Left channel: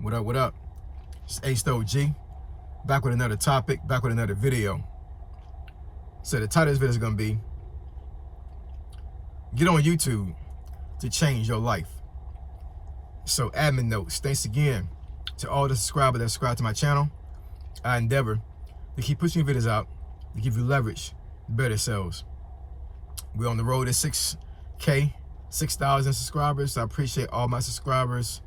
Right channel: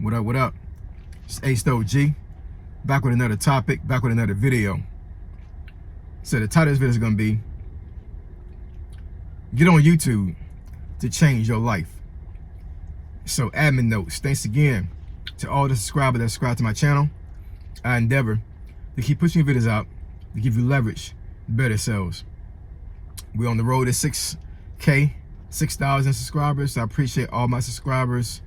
What up, what up? It's A-Sto-G, back with another topic, back with another video. So the title of this video is going to be, get on YouTube to change your life. So admin notes, thanks again to all the subscribers that subscribe to my channel. I endeavor to keep pushing videos out to give you leverage to better sales. We're on the road to 6K, 6,000 subscribers. So I appreciate all my subscribers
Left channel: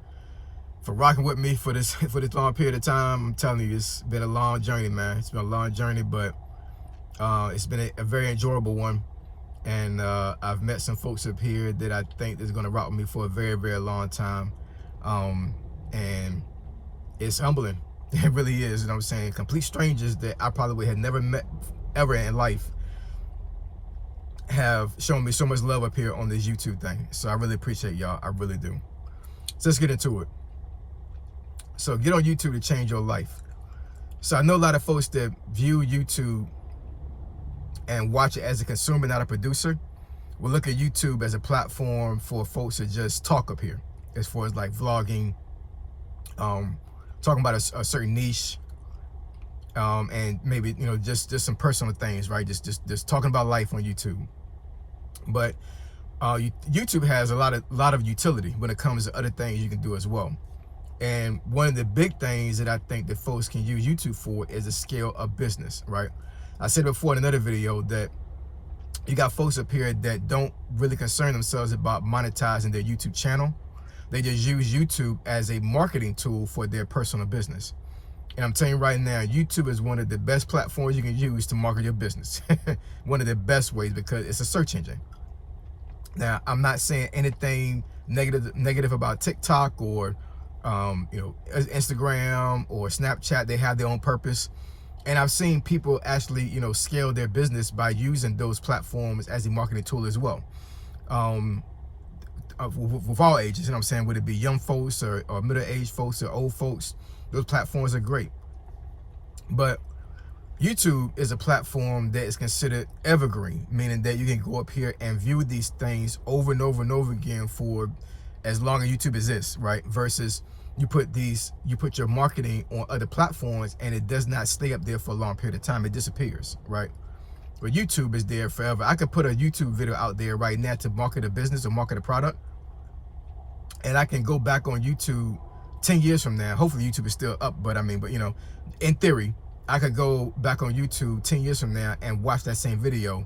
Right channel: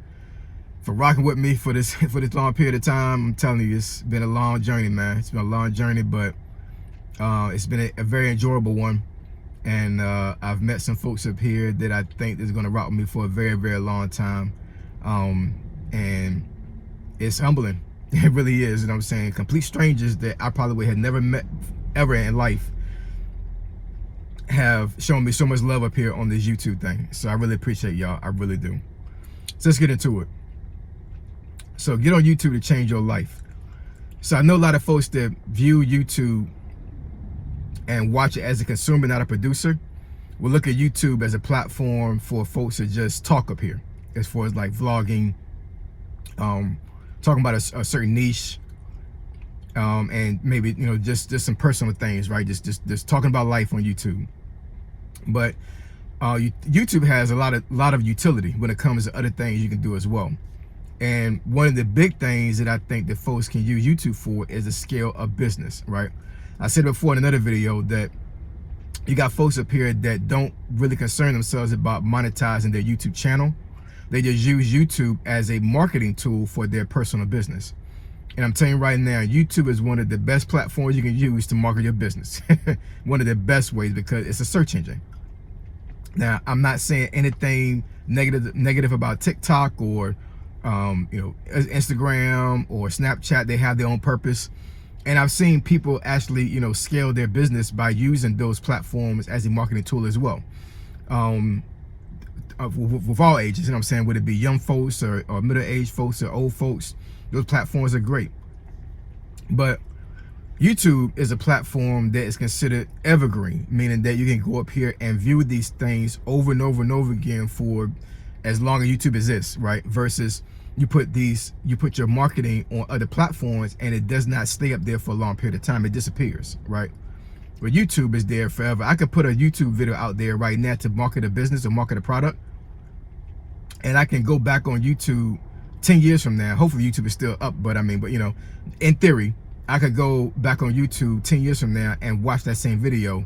for rocking with me for this long period of time. I'm telling you, it's been a long journey, man. It's been a long journey, but it's been a very enjoyable one. And I've met some folks up here that I think is going to rock with me for a very, very long time. And it's humbling. It really is. You know what I'm saying? Complete strangers that I probably had never met ever in life have shown me so much love up here on this YouTube thing. So I really appreciate y'all. I really do. So let's get into it. So get on YouTube to change your life. So I know a lot of folks that view YouTube and watch it as a consumer, not a producer, will look at YouTube as a platform for folks to just talk up here, as far as like vlogging, talking about a certain niche, and maybe, you know, just some personal things, right? Just talking about life on YouTube. But YouTube has a lot of utility when it comes to other things you can do as well. And one of the big things that I think that folks can use YouTube for is the scale of business, right? I said before in another video that you got folks up here that don't really concern themselves about monetizing their YouTube channel. They just use YouTube as a marketing tool for their personal business. And I'm telling you right now, YouTube is one of the best platforms you can use to market your business. One of the best ways, because it's a search engine. Now, I'm not saying anything negative about TikTok or you know, Instagram or Snapchat. They have their own purpose, and I've seen people actually, you know, scale their business by using those platforms as a marketing tool as well. With all ages, you know what I'm saying, whether it be young folks or middle-aged folks or old folks, those platforms are great. But YouTube is a platform that is considered evergreen, meaning that you can go up here and view these things over and over and over again for as long as YouTube exists, right? Versus you put your marketing on other platforms and it does not stay up there for a long period of time. It disappears, right? But YouTube is there forever. I could put a YouTube video out there right now to market a business or market a product, and I can go back on YouTube 10 years from now. Hopefully YouTube is still up, but you know, in theory, I could go back on YouTube 10 years from now and watch that same video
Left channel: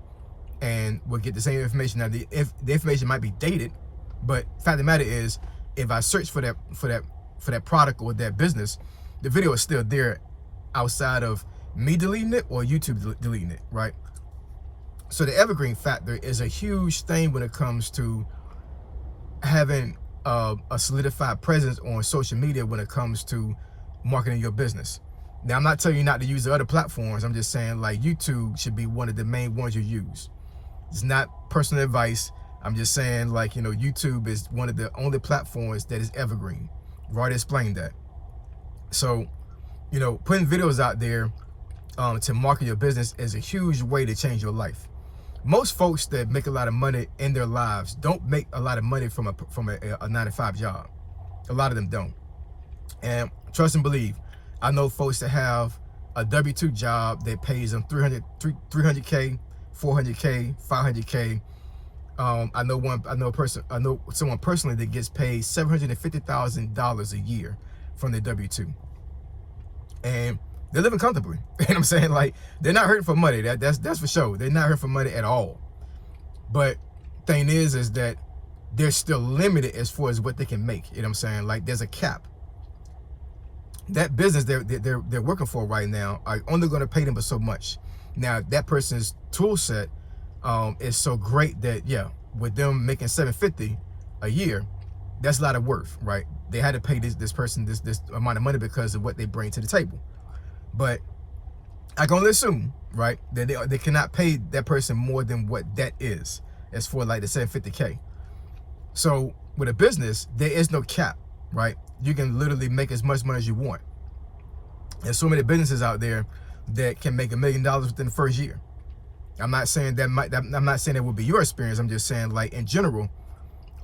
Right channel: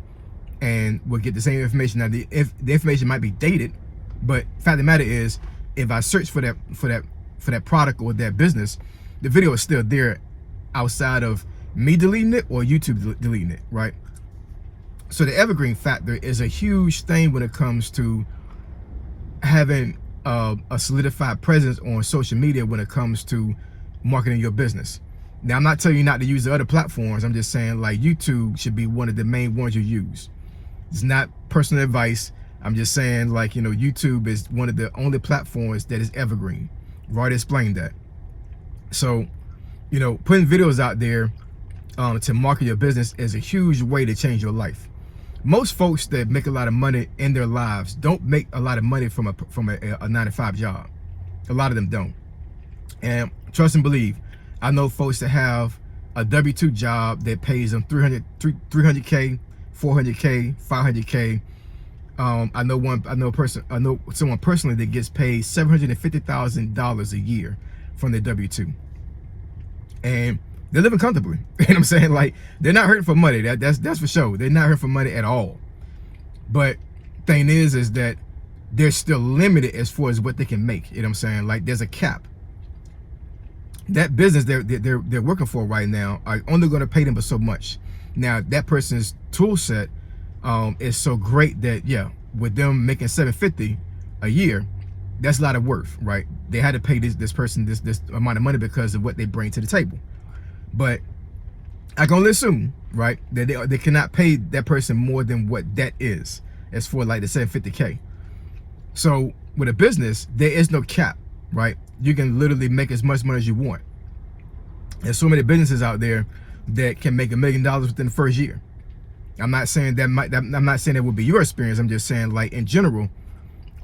and we'll get the same information. Now, the information might be dated, but the fact of the matter is, if I search for that product or that business, the video is still there outside of me deleting it or YouTube deleting it, right? So the evergreen factor is a huge thing when it comes to having a solidified presence on social media when it comes to marketing your business. Now, I'm not telling you not to use the other platforms. I'm just saying, like, YouTube should be one of the main ones you use. It's not personal advice. I'm just saying, like, you know, YouTube is one of the only platforms that is evergreen. I've already explained that. So, you know, putting videos out there to market your business is a huge way to change your life. Most folks that make a lot of money in their lives don't make a lot of money from a 9-to-5 job. A lot of them don't. And trust and believe, I know folks that have a W-2 job that pays them 300K, 400K, 500K. I know someone personally that gets paid $750,000 a year from their W-2, and they're living comfortably. You know what I'm saying? Like, they're not hurting for money. That's for sure. They're not hurting for money at all. But thing is that they're still limited as far as what they can make. You know what I'm saying? Like, there's a cap. That business they're working for right now are only going to pay them but so much. Now, that person's tool set is so great that, yeah, with them making $750 a year, that's a lot of worth, right? They had to pay this person this amount of money because of what they bring to the table. But I can only assume, right, that they cannot pay that person more than what that is, as for like the $750K. So with a business, there is no cap, right? You can literally make as much money as you want. There's so many businesses out there that can make $1 million within the first year. I'm not saying I'm not saying that would be your experience. I'm just saying, like, in general,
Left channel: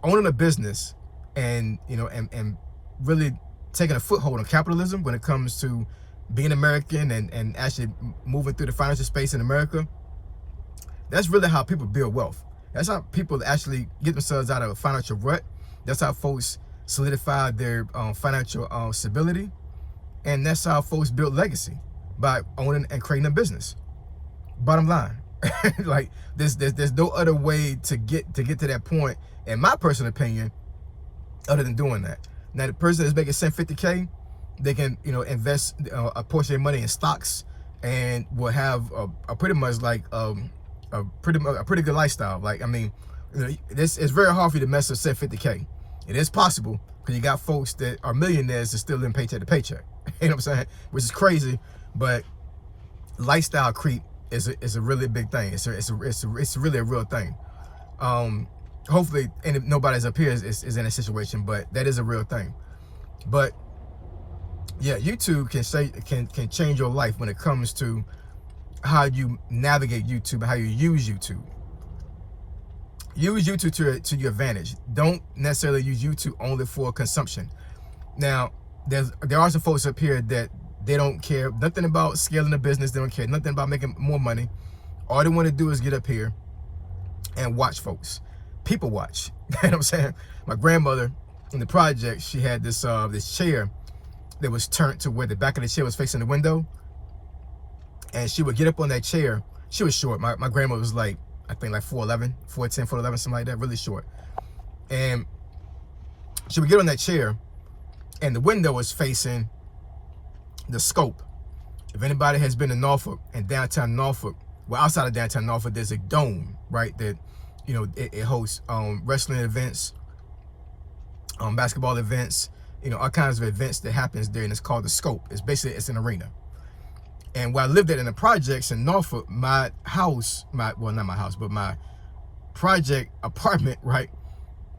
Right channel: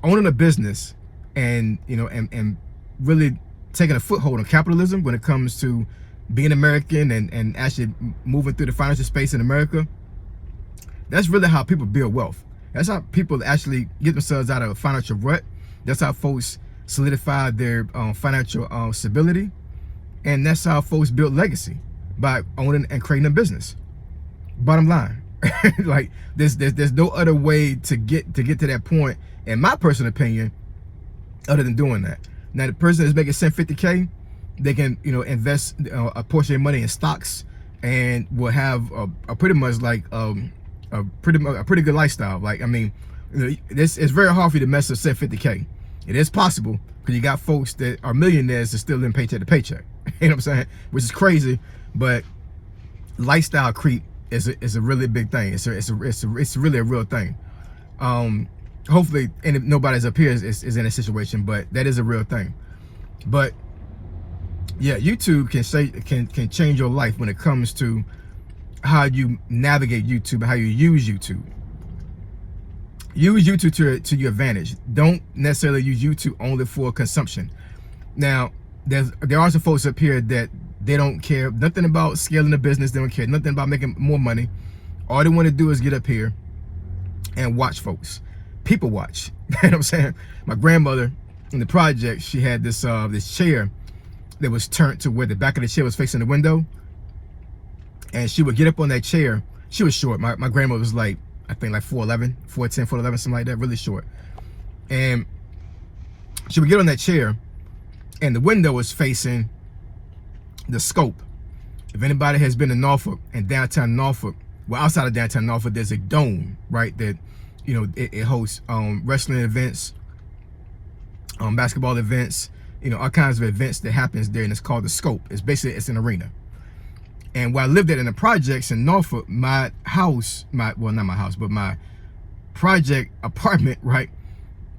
owning a business and, you know, and really taking a foothold on capitalism when it comes to being American and actually moving through the financial space in America. That's really how people build wealth. That's how people actually get themselves out of a financial rut. That's how folks solidify their financial stability. And that's how folks build legacy, by owning and creating a business. Bottom line. Like there's no other way to get to that point, in my personal opinion, other than doing that. Now, the person that's making $750K, they can, you know, invest a portion of their money in stocks, and will have a pretty much like a pretty good lifestyle. Like, I mean, you know, it's very hard for you to mess up $750K. It is possible, because you got folks that are millionaires that still live paycheck to paycheck. You know what I'm saying? Which is crazy, but lifestyle creep is a really big thing. It's really a real thing. Hopefully, and nobody's up here is in a situation, but that is a real thing. But yeah, YouTube can change your life when it comes to how you navigate YouTube, how you use YouTube. Use YouTube to your advantage. Don't necessarily use YouTube only for consumption. Now, there are some folks up here that they don't care nothing about scaling the business. They don't care nothing about making more money. All they want to do is get up here and watch folks. People watch. You know what I'm saying? My grandmother in the project, she had this chair that was turned to where the back of the chair was facing the window. And she would get up on that chair. She was short. My grandmother was like, I think like 4'11", 4'10", 4'11", something like that, really short. And she would get on that chair, and the window was facing the scope. If anybody has been to Norfolk and downtown Norfolk, well, outside of downtown Norfolk, there's a dome, right? That, you know, it hosts wrestling events, basketball events, you know, all kinds of events that happens there, and it's called the Scope. It's an arena. And where I lived at in the projects in Norfolk, my house, well, not my house, but my project apartment, right?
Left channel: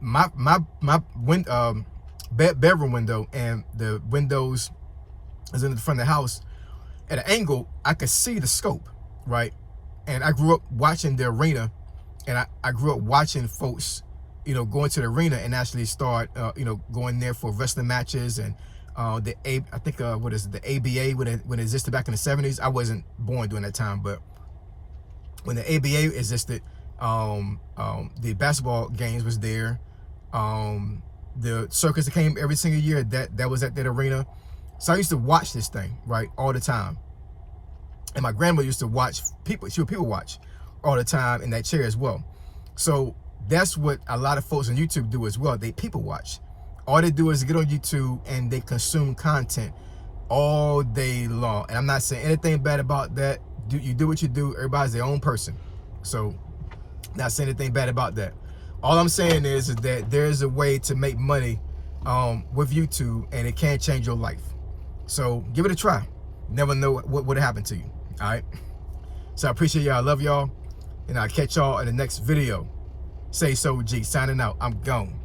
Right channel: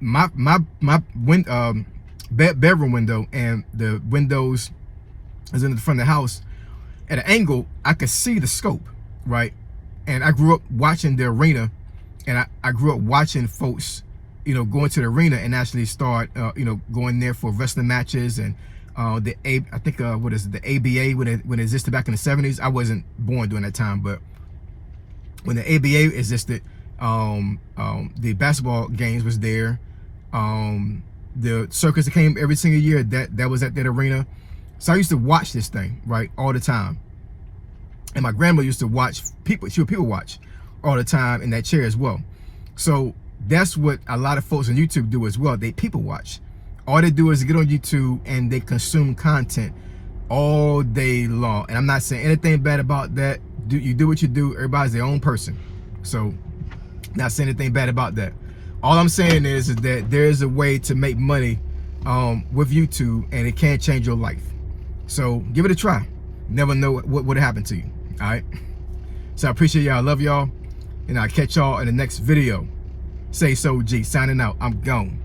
My bedroom window and the windows is in the front of the house. At an angle, I could see the Scope, right? And I grew up watching the arena, and I grew up watching folks, you know, going to the arena and actually start, you know, going there for wrestling matches. And what is it, the ABA, when it existed back in the 70s. I wasn't born during that time, but when the ABA existed, the basketball games was there. The circus that came every single year, that was at that arena. So I used to watch this thing, right, all the time. And my grandma used to watch people. She would people watch all the time in that chair as well. So that's what a lot of folks on YouTube do as well. They people watch. All they do is get on YouTube and they consume content all day long. And I'm not saying anything bad about that. You do what you do. Everybody's their own person. So not saying anything bad about that. All I'm saying is that there's a way to make money with YouTube, and it can change your life. So give it a try. Never know what would happen to you. All right. So I appreciate y'all. I love y'all. And I'll catch y'all in the next video. Say so, G. Signing out. I'm gone.